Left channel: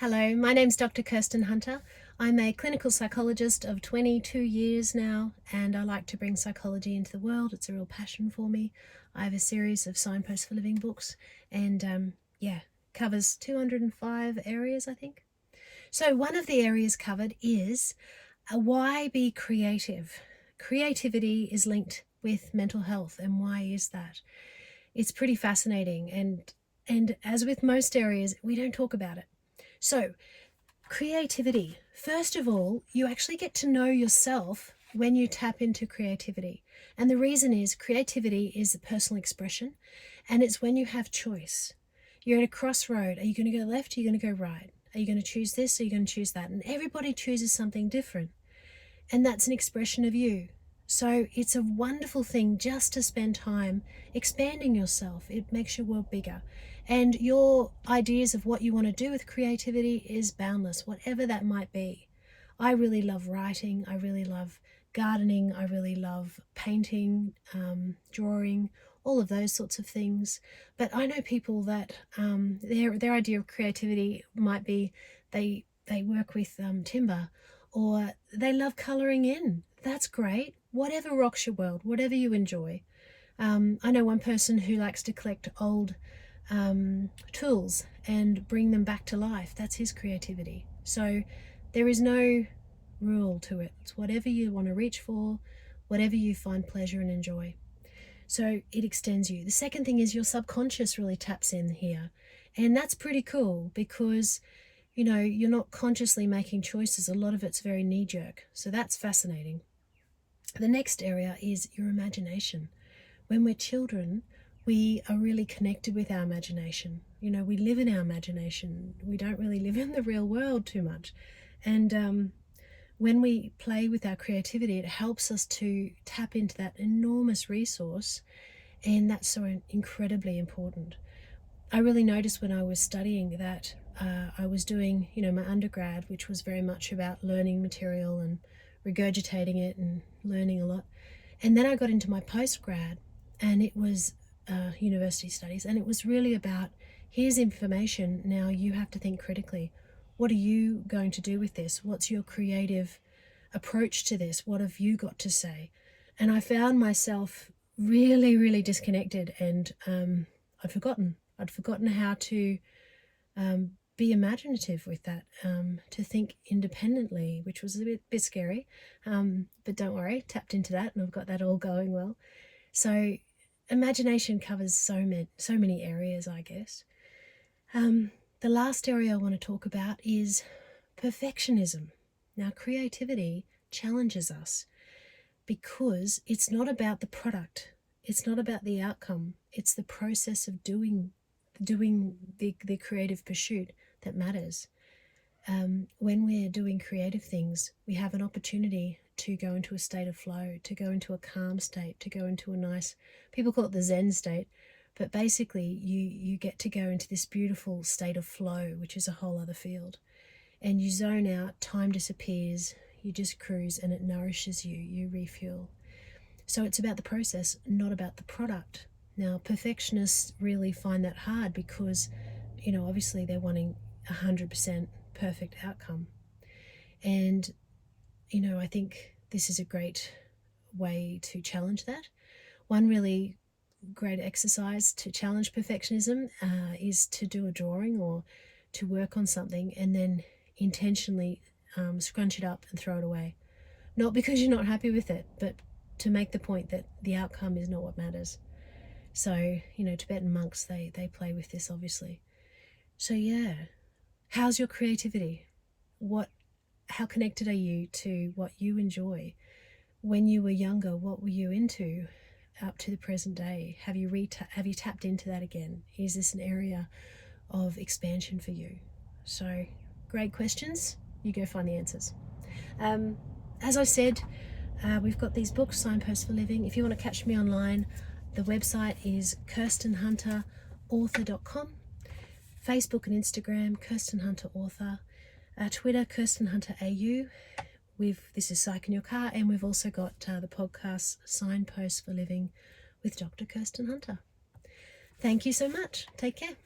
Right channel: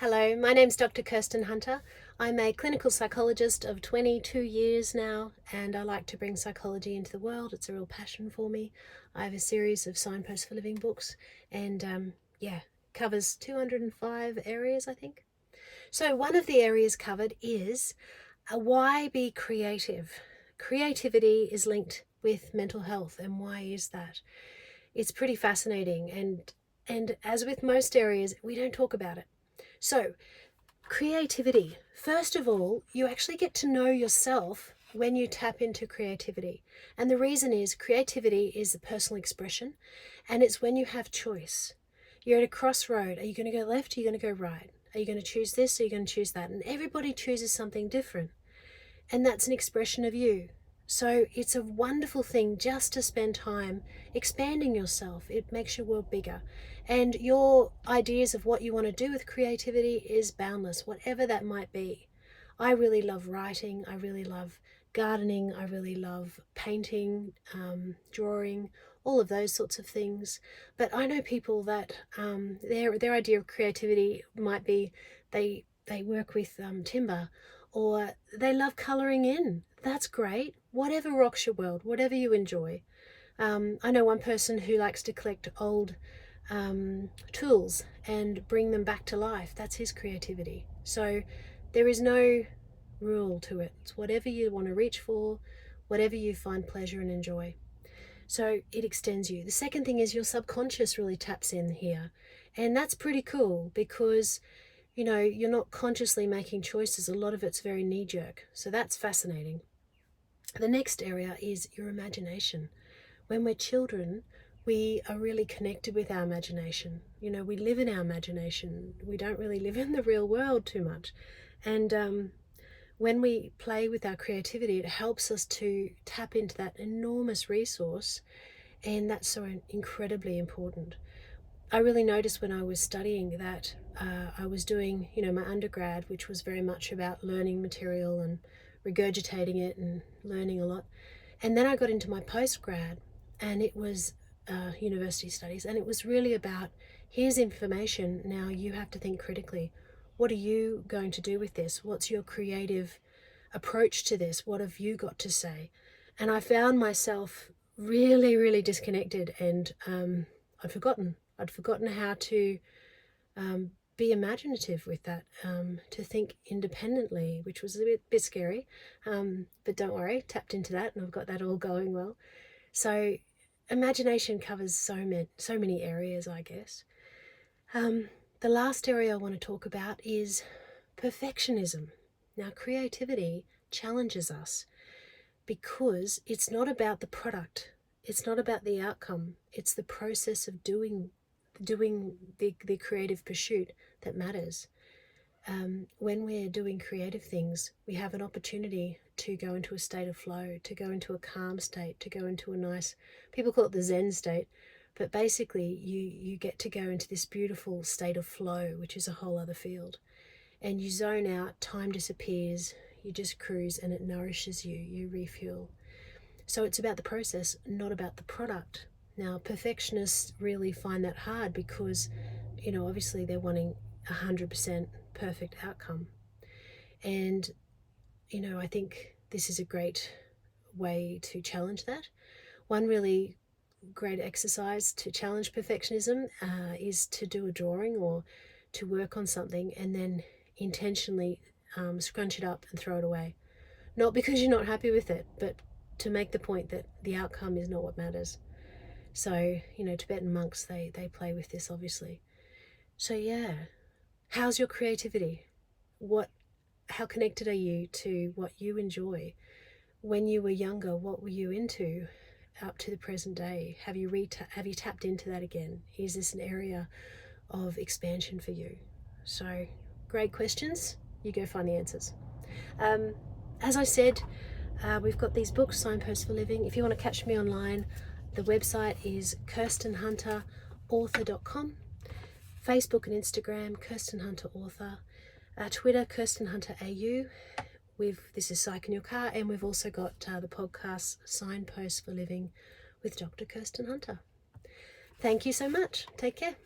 Hello, my name's Dr. Kirsten Hunter. I'm a clinical psychologist of 22 years now, and I like to bring psychology into the world. It's a real passion for me. I have a series of Signposts for Living books, and covers 205 areas, I think. So one of the areas covered is why be creative? Creativity is linked with mental health, and why is that? It's pretty fascinating, and as with most areas, we don't talk about it. So, creativity. First of all, you actually get to know yourself when you tap into creativity. And the reason is creativity is a personal expression, and it's when you have choice. You're at a crossroad. Are you going to go left? Are you going to go right? Are you going to choose this? Or are you going to choose that? And everybody chooses something different. And that's an expression of you. So it's a wonderful thing just to spend time expanding yourself. It makes your world bigger. And your ideas of what you want to do with creativity is boundless, whatever that might be. I really love writing. I really love gardening. I really love painting, drawing, all of those sorts of things. But I know people that their idea of creativity might be they work with timber, or they love colouring in. That's great. Whatever rocks your world, whatever you enjoy. I know one person who likes to collect old tools and bring them back to life. That's his creativity. So there is no rule to it. It's whatever you want to reach for, whatever you find pleasure and enjoy. So it extends you. The second thing is your subconscious really taps in here. And that's pretty cool because you're not consciously making choices. A lot of it's very knee-jerk. So that's fascinating. The next area is your imagination. When we're children, we are really connected with our imagination. We live in our imagination. We don't really live in the real world too much. And when we play with our creativity, it helps us to tap into that enormous resource, and that's so incredibly important. I really noticed when I was studying that I was doing, my undergrad, which was very much about learning material and regurgitating it and learning a lot. And then I got into my postgrad, and it was university studies, and it was really about, here's information, now you have to think critically. What are you going to do with this? What's your creative approach to this? What have you got to say? And I found myself really, really disconnected, and I'd forgotten how to be imaginative with that, to think independently, which was a bit scary. But don't worry, tapped into that, and I've got that all going well. So imagination covers so many areas, I guess. The last area I want to talk about is perfectionism. Now, creativity challenges us because it's not about the product. It's not about the outcome. It's the process of doing the creative pursuit that matters. When we're doing creative things, we have an opportunity to go into a state of flow, to go into a calm state, to go into a nice, people call it the Zen state, but basically you get to go into this beautiful state of flow, which is a whole other field. And you zone out, time disappears, you just cruise, and it nourishes you, you refuel. So it's about the process, not about the product. Now, perfectionists really find that hard because, obviously they're wanting 100% perfect outcome. And, I think this is a great way to challenge that. One really great exercise to challenge perfectionism is to do a drawing or to work on something and then intentionally scrunch it up and throw it away. Not because you're not happy with it, but to make the point that the outcome is not what matters. So, Tibetan monks, they play with this, obviously. So yeah, how's your creativity? How connected are you to what you enjoy? When you were younger, what were you into up to the present day? Have you tapped into that again? Is this an area of expansion for you? So, great questions. You go find the answers. As I said, we've got these books, Signposts for Living. If you want to catch me online, the website is kirstenhunterauthor.com. Facebook and Instagram, Kirsten Hunter Author. Twitter, Kirsten Hunter AU. This is Psych in Your Car, and we've also got the podcast Signposts for Living with Dr. Kirsten Hunter. Thank you so much. Take care.